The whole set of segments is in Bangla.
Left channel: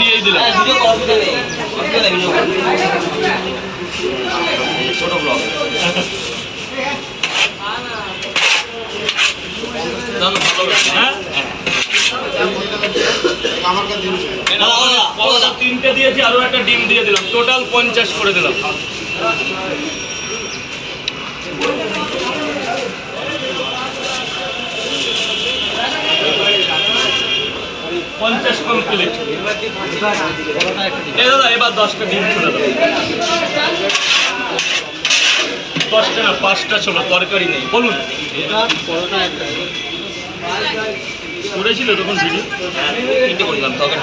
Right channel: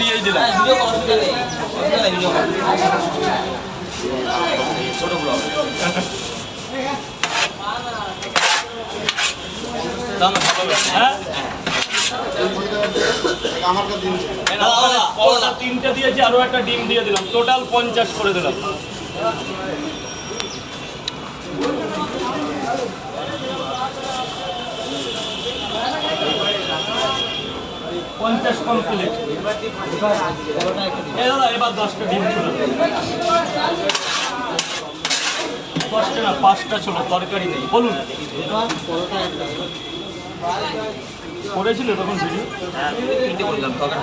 দিয়েই দিলাম। ছোট ব্লগ তিনটে দিয়েছি, আরো একটা ডিম দিয়ে দিলাম, টোটাল 50 করে দিলাম। 50 কমপ্লিট। দাদা এবার 10টা ডিম খুলে দেবো। 10টা না 5টা ছিল, তরকারি নেই। বলুন করেছিল তখন ভিডিও? তিনটে করলাম, তরকারি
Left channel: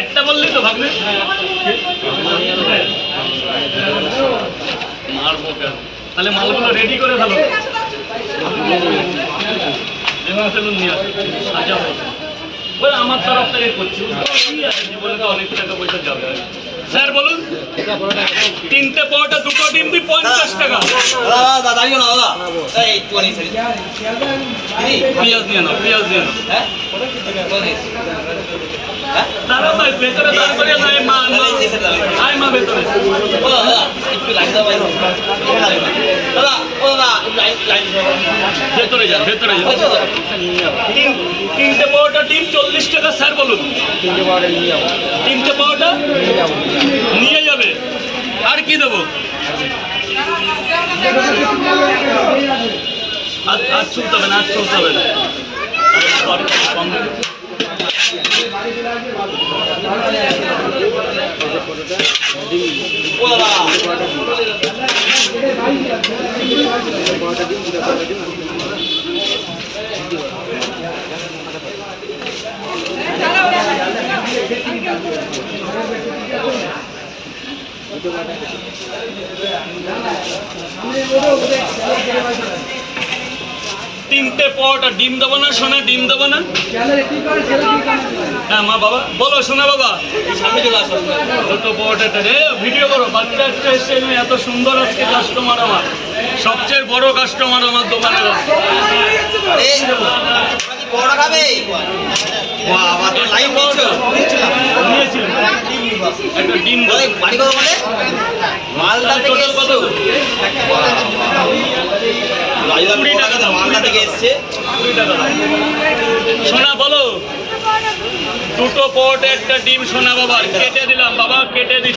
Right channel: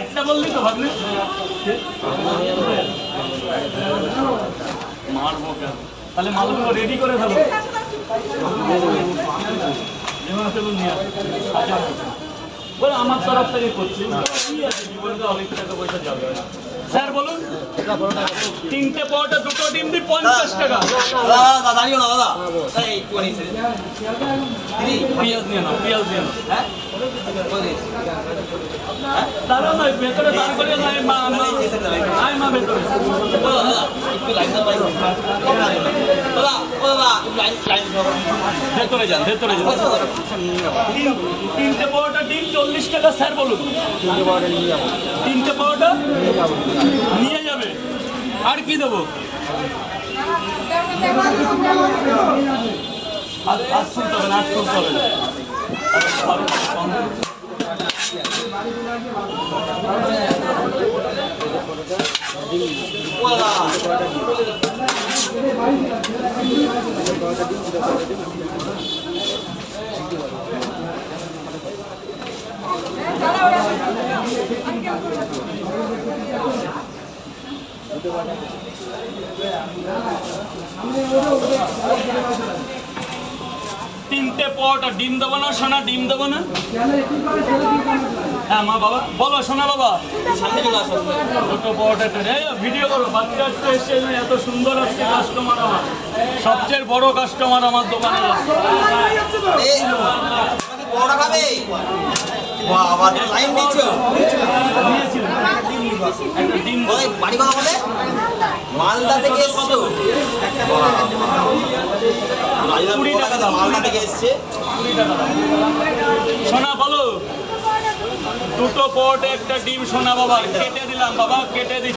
একটা বললি তো ভাবলে মারবো। তাহলে মালগুলো রেডি করে ফেলো, আমার তরফ থেকে করছি। জীবনে তো অনেক টাকা পয়সা যাবে। স্যার বলুন, 3টে পরোটা 2টো ডিম দিই 50 টাকা। পেঁয়াজ নিয়ে নাও, পেঁয়াজ নিয়ে নাও। দাঁড়াও ভাই, ভেতরে দাঁড় করে নাই মা, আয় মা ভেতরে। ভেতরে যান, ভেতরে যান। 3টে পরোটা ডিম 40 টাকা। স্যার বলুন, 3টে পরোটা নিয়ে যাবো। 3টে পরোটা নিয়ে যাবে। আর কি দেবো? আর চলতে হবে না, আর চলতে হবে না। তিনটে পরোটা ডিম দেবো না সোনা? ডিম দেবো না? হ্যাঁ মা বাবা বলো। সোনা বাবা সামনে চলে আসো। ছোট পরোটাটা ভিডিও করো। বাচ্চা এসে এত সুন্দর আজকে কাস্টমার, আমার সবচেয়ে বড় কাস্টমার আমার দোকানের। বড় খাবে লাইন একটা ডিম বাড়ি কত বলে? মালদা থেকে কত? 20 টাকা মালদা থেকে এসছে। 20 টাকা। সোনা বলো, 2টো পরোটা একটা ডিম সোনা বাবা কেটে দিলাম। বাবা কেটে দিচ্ছি।